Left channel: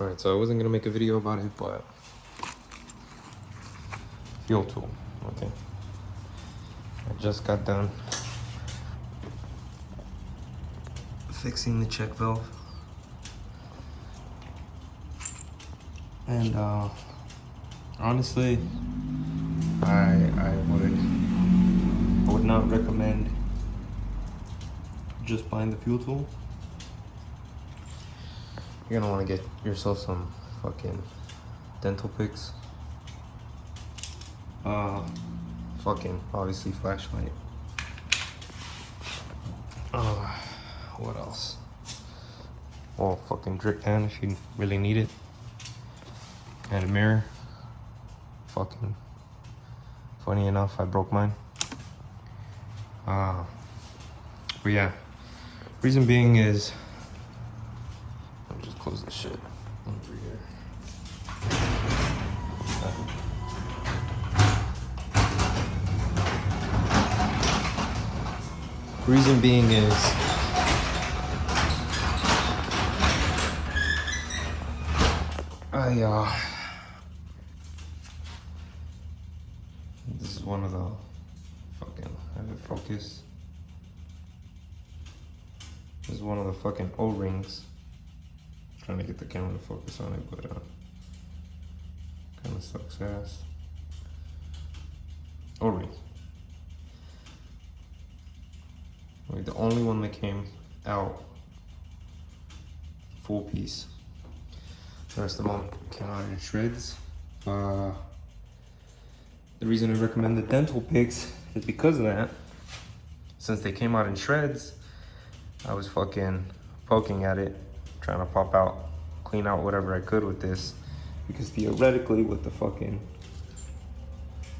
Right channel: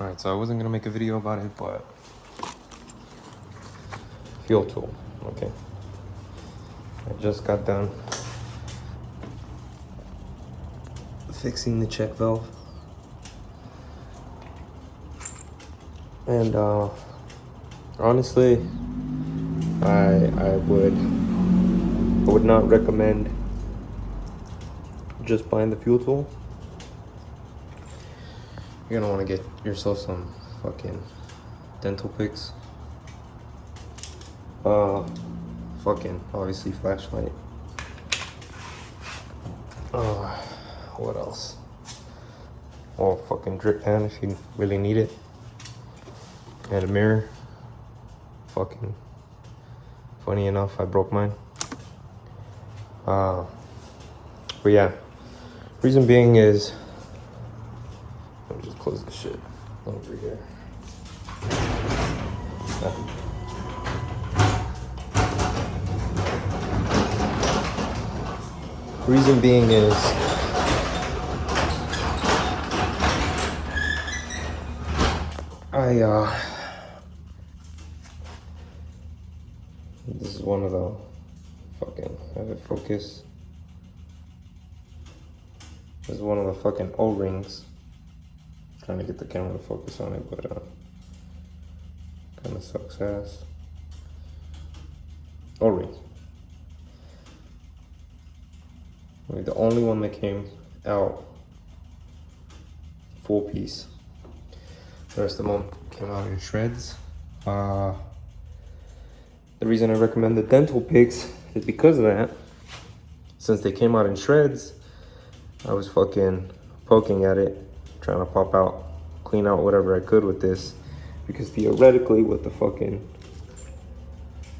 Alright, so I wasn't gonna make a video about it, but fuel tool, okay. I just got done fixing the check valve. And honestly, I would not recommend just buying the fuel tool. You're gonna want to get yourself some fucking dental picks. Fucking obviously flashlight. What else? Or fucking drip pen if you really need it. And a mirror. Fucking funny enough, I broke mine. But yeah, reason being is, let me just close this shit over here. Reason being is, this is one of the fucking, have it focus. This is one of the fucking O-rings. Trying to get the camera to focus on it, but kind of sucks ass. O-rings. Like the only one that came out full piece. The rest of them came out in shreds. The reason I recommend the dental picks is because of that. Since they came out in shreds, I was fucking poking at it, trying to pop out, clean out whatever I could with this. Because theoretically with the fucking,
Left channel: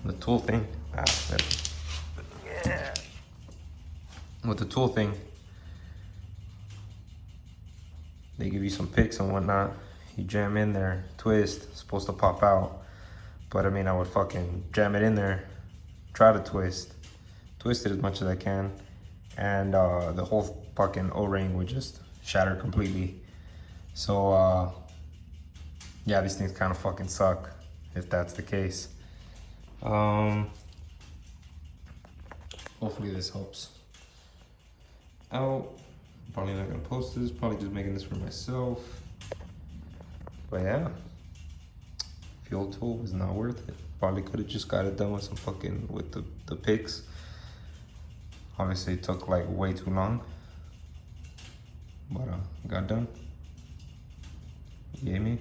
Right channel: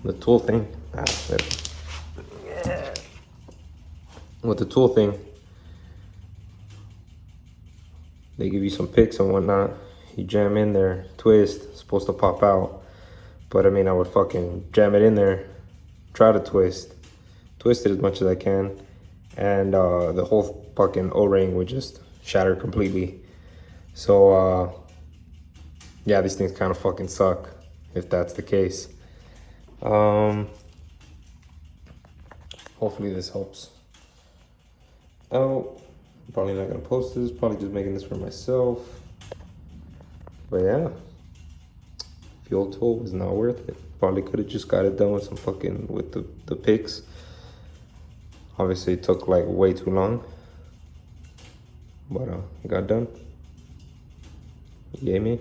the tool thing, with the tool thing, they give you some picks and whatnot. You jam in there, twist, it's supposed to pop out. But I mean, I would fucking jam it in there, try to twist it as much as I can, and the whole fucking O-ring would just shatter completely. So yeah, these things kind of fucking suck if that's the case. Hopefully this helps out. I'm probably not gonna post this, probably just making this for myself. But yeah, fuel tool was not worth it. Probably could have just got it done with some fucking, with the picks. Obviously it took like way too long, but it got done. You get me?